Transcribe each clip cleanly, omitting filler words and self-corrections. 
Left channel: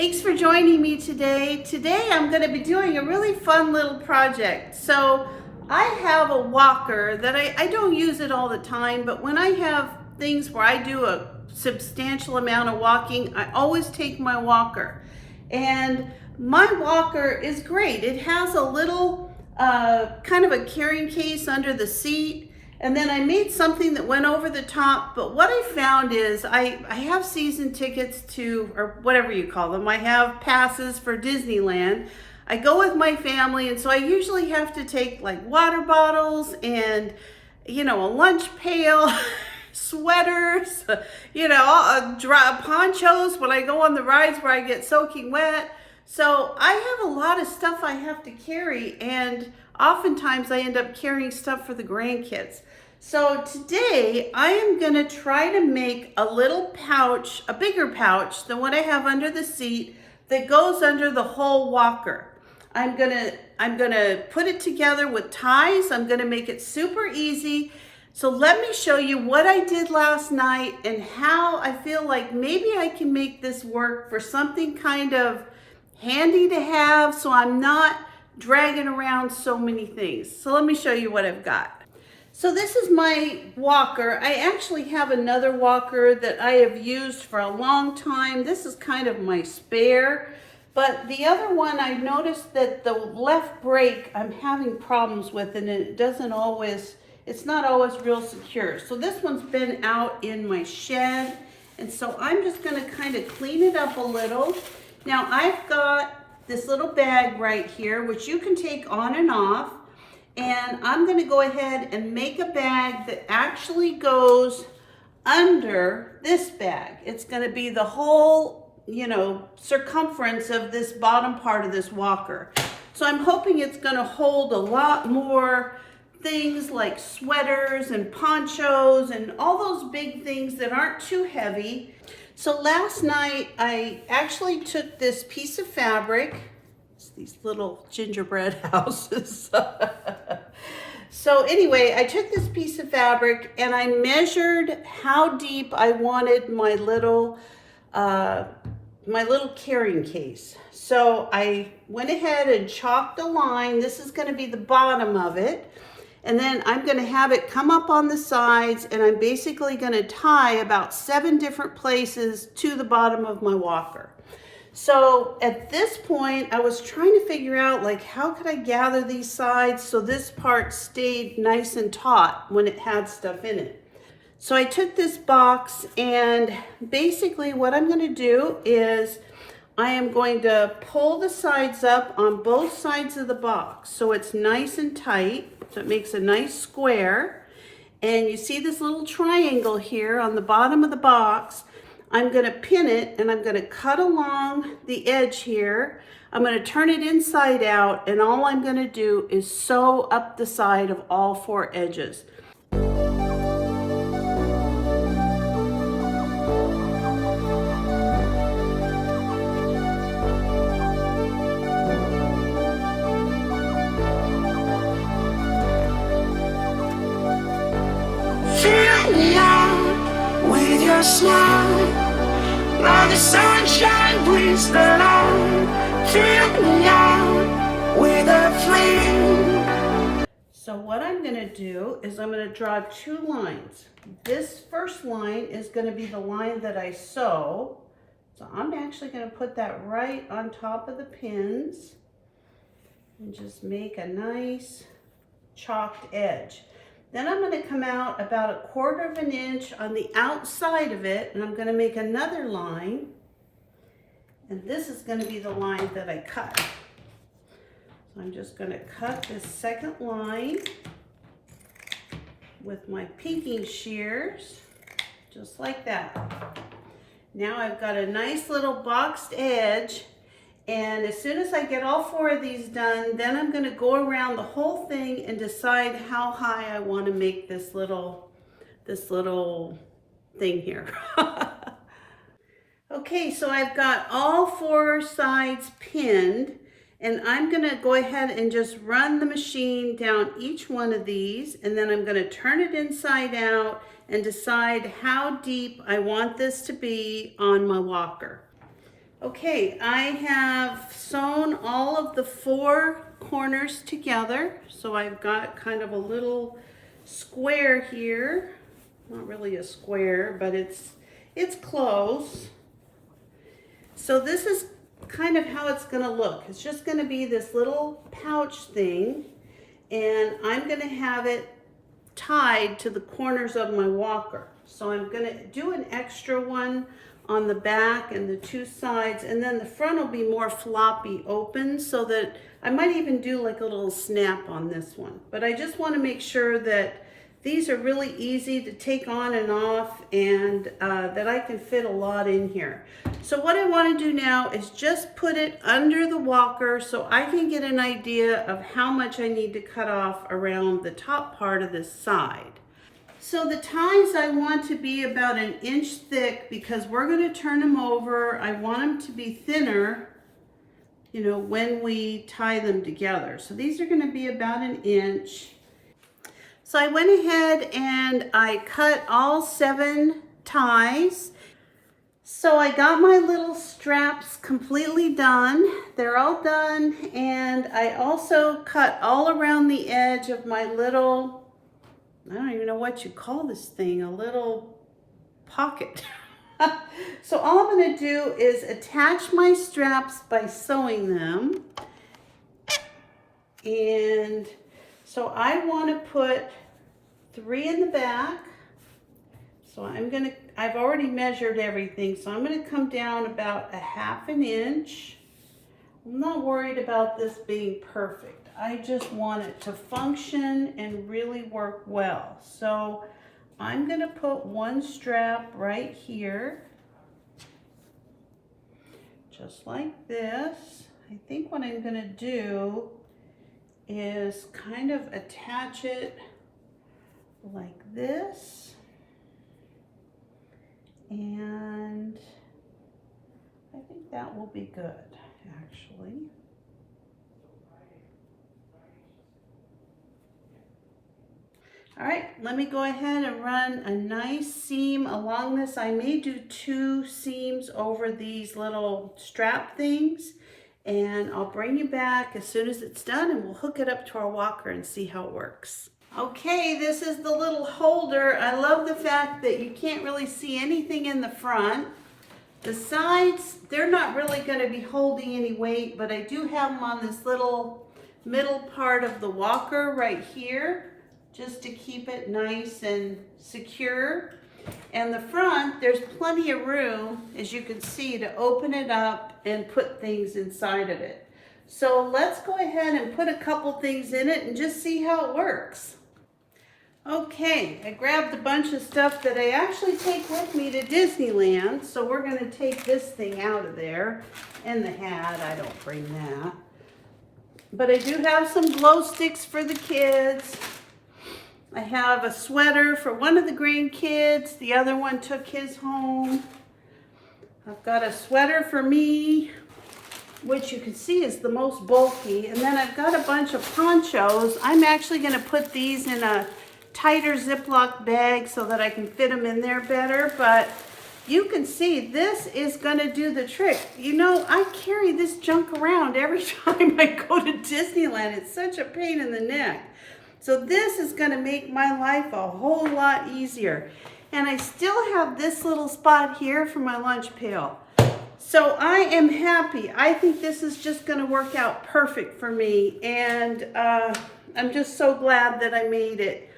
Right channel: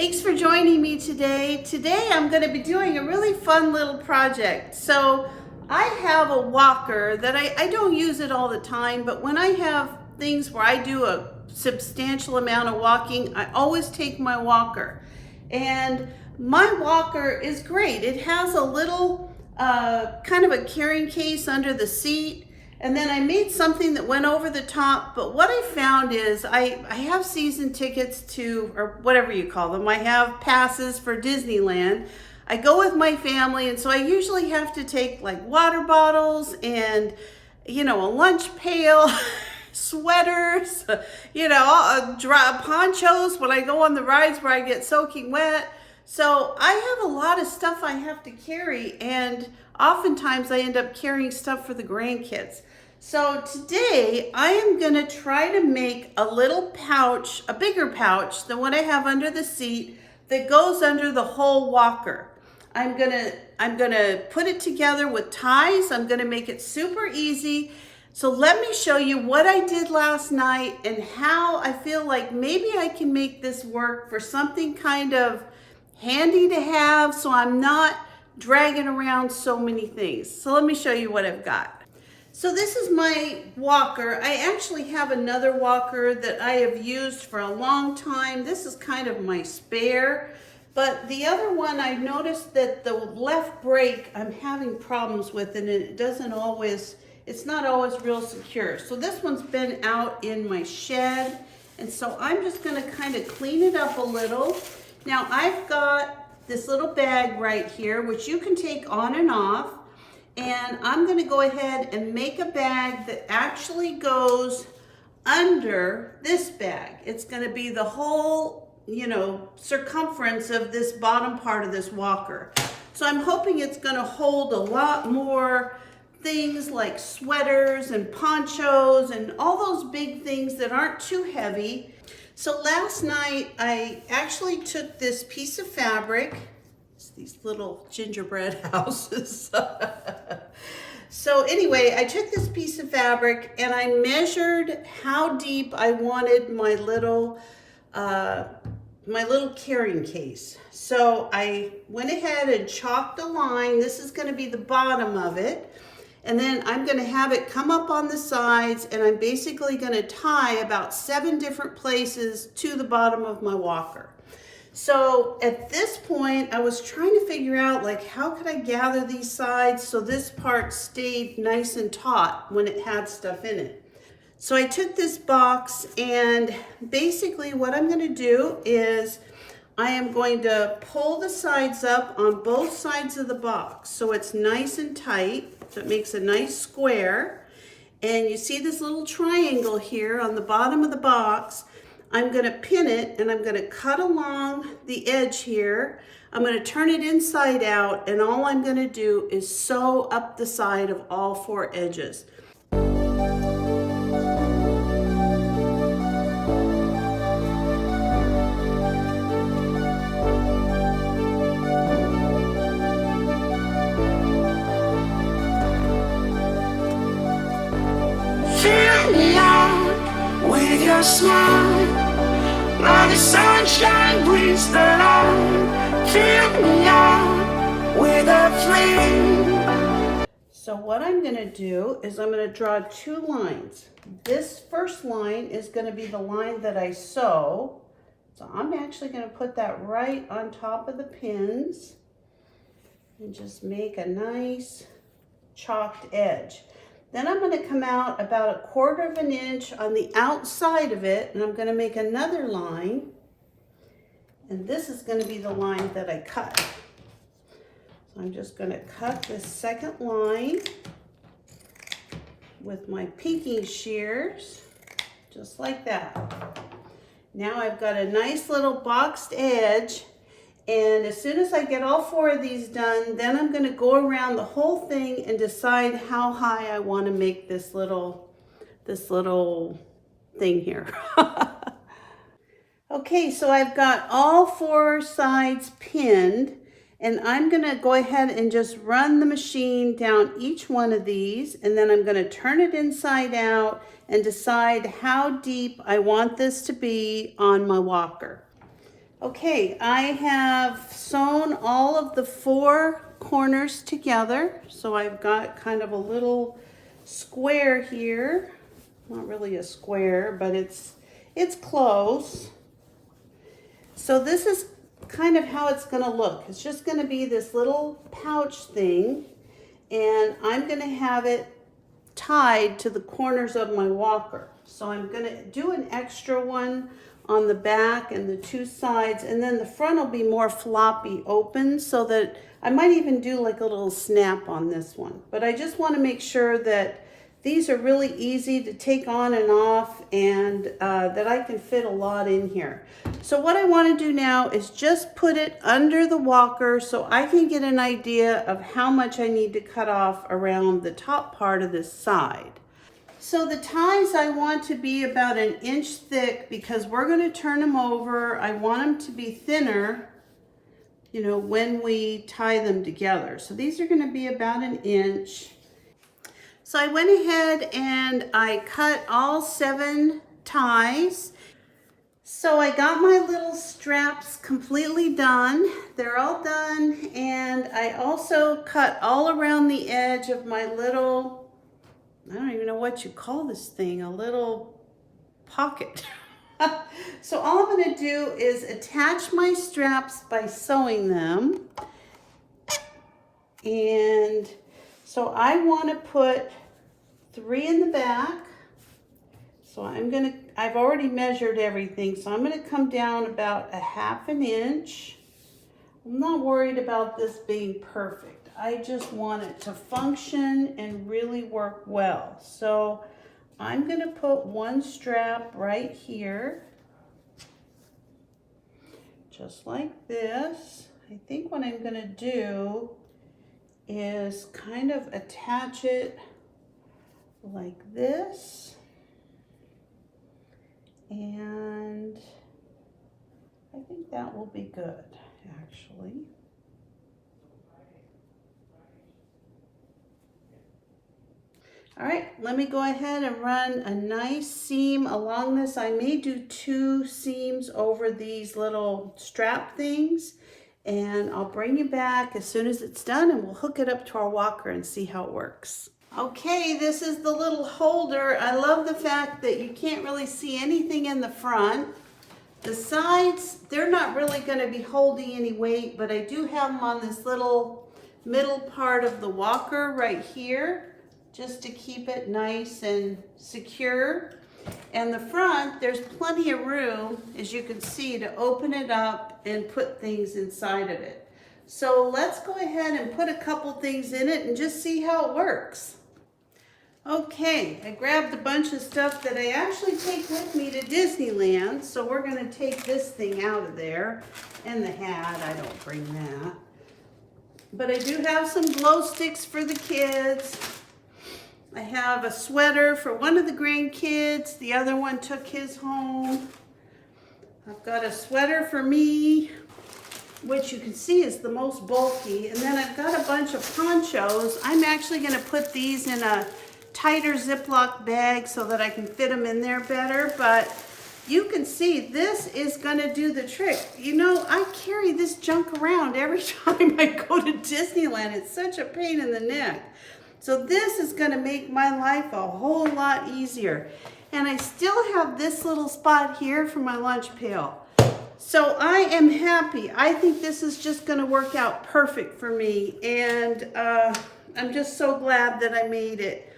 Thanks for joining me today. Today I'm going to be doing a really fun little project. So I have a walker that I don't use it all the time, but when I have things where I do a substantial amount of walking, I always take my walker. And my walker is great. It has a little kind of a carrying case under the seat. And then I made something that went over the top, but what I found is I have season tickets to, or whatever you call them. I have passes for Disneyland. I go with my family, and so I usually have to take like water bottles and, a lunch pail, sweaters, dry ponchos when I go on the rides where I get soaking wet. So I have a lot of stuff I have to carry, and oftentimes I end up carrying stuff for the grandkids. So today I am going to try to make a little pouch, a bigger pouch than what I have under the seat that goes under the whole walker. I'm going to put it together with ties. I'm going to make it super easy. So let me show you what I did last night and how I feel like maybe I can make this work for something kind of handy to have so I'm not dragging around so many things. So let me show you what I've got. So this is my walker. I actually have another walker that I have used for a long time. This is kind of my spare, but the other one I noticed that the left brake I'm having problems with, and it's not always real secure. So this one's been out in my shed, and so I'm just gonna kind of clean it up a little. Now I've got this little bag right here, which you can take on and off. And I'm going to go ahead and make a bag that actually goes under this bag. It's going to be the whole, circumference of this bottom part of this walker. So I'm hoping it's going to hold a lot more things like sweaters and ponchos and all those big things that aren't too heavy. So last night I actually took this piece of fabric, these little gingerbread houses. So anyway, I took this piece of fabric and I measured how deep I wanted my little carrying case. So I went ahead and chalked a line. This is going to be the bottom of it. And then I'm going to have it come up on the sides, and I'm basically going to tie about 7 different places to the bottom of my walker. So at this point, I was trying to figure out how could I gather these sides so this part stayed nice and taut when it had stuff in it. So I took this box, and basically what I'm going to do is I am going to pull the sides up on both sides of the box so it's nice and tight, so it makes a nice square. And you see this little triangle here on the bottom of the box. I'm going to pin it, and I'm going to cut along the edge here. I'm going to turn it inside out, and all I'm going to do is sew up the side of all 4 edges. Fill me out with your smile. Now the sunshine brings the light. Fill me out with a flame. So what I'm going to do is I'm going to draw 2 lines. This first line is going to be the line that I sew. So I'm actually going to put that right on top of the pins and just make a nice chalked edge. Then I'm going to come out about 1/4 of an inch on the outside of it, and I'm going to make another line. And this is going to be the line that I cut. So I'm just going to cut this second line with my pinking shears, just like that. Now I've got a nice little boxed edge. And as soon as I get all 4 of these done, then I'm going to go around the whole thing and decide how high I want to make this little thing here. Okay, so I've got all 4 sides pinned, and I'm going to go ahead and just run the machine down each one of these, and then I'm going to turn it inside out and decide how deep I want this to be on my walker. Okay, I have sewn all of the 4 corners together. So I've got kind of a little square here. Not really a square, but it's close. So this is kind of how it's going to look. It's just going to be this little pouch thing, and I'm going to have it tied to the corners of my walker. So I'm going to do an extra one on the back and the 2 sides, and then the front will be more floppy open, so that I might even do like a little snap on this one. But I just want to make sure that these are really easy to take on and off, and that I can fit a lot in here. So what I want to do now is just put it under the walker so I can get an idea of how much I need to cut off around the top part of this side. So the ties I want to be about 1 inch thick, because we're going to turn them over. I want them to be thinner, you know, when we tie them together. So these are going to be about 1 inch. So I went ahead and I cut all 7 ties. So I got my little straps completely done. They're all done, and I also cut all around the edge of my little, I don't even know what you call this thing, a little pocket. So all I'm going to do is attach my straps by sewing them. And so I want to put 3 in the back. So I've already measured everything, so I'm going to come down about 1/2 inch. I'm not worried about this being perfect. I just want it to function and really work well. So I'm going to put 1 strap right here, just like this. I think what I'm going to do is kind of attach it like this. And I think that will be good, actually. All right, let me go ahead and run a nice seam along this. I may do 2 seams over these little strap things, and I'll bring you back as soon as it's done, and we'll hook it up to our walker and see how it works. Okay, this is the little holder. I love the fact that you can't really see anything in the front. The sides, they're not really going to be holding any weight, but I do have them on this little middle part of the walker right here, just to keep it nice and secure. And the front, there's plenty of room, as you can see, to open it up and put things inside of it. So let's go ahead and put a couple things in it and just see how it works. Okay, I grabbed a bunch of stuff that I actually take with me to Disneyland. So we're going to take this thing out of there. And the hat, I don't bring that. But I do have some glow sticks for the kids. I have a sweater for one of the grandkids. The other one took his home. I've got a sweater for me, which you can see is the most bulky. And then I've got a bunch of ponchos. I'm actually going to put these in a tighter Ziploc bag so that I can fit them in there better. But you can see this is going to do the trick. You know, I carry this junk around every time I go to Disneyland. It's such a pain in the neck. So this is going to make my life a whole lot easier. And I still have this little spot here for my lunch pail. So I am happy. I think this is just going to work out perfect for me. And I'm just so glad that I made it.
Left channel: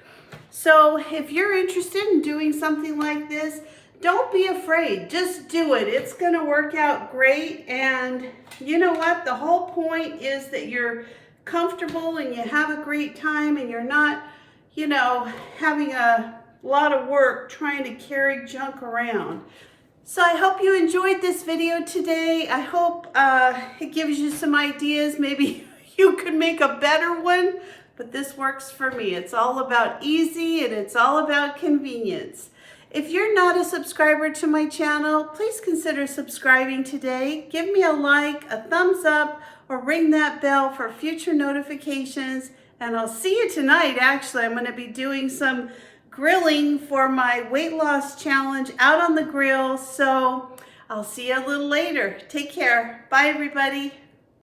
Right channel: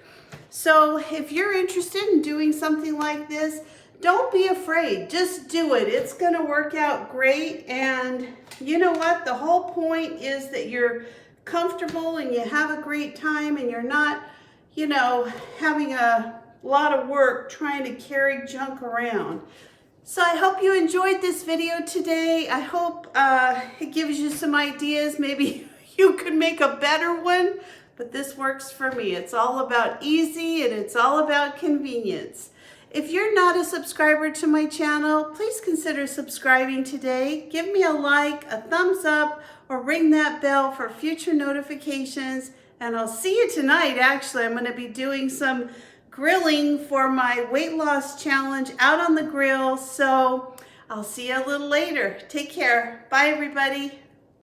So if you're interested in doing something like this, don't be afraid. Just do it. It's going to work out great. And you know what? The whole point is that you're comfortable and you have a great time, and you're not, you know, having a lot of work trying to carry junk around. So I hope you enjoyed this video today. I hope it gives you some ideas. Maybe you could make a better one, but this works for me. It's all about easy, and it's all about convenience. If you're not a subscriber to my channel, please consider subscribing today. Give me a like, a thumbs up, or ring that bell for future notifications. And I'll see you tonight. Actually, I'm going to be doing some grilling for my weight loss challenge out on the grill. So I'll see you a little later. Take care. Bye, everybody.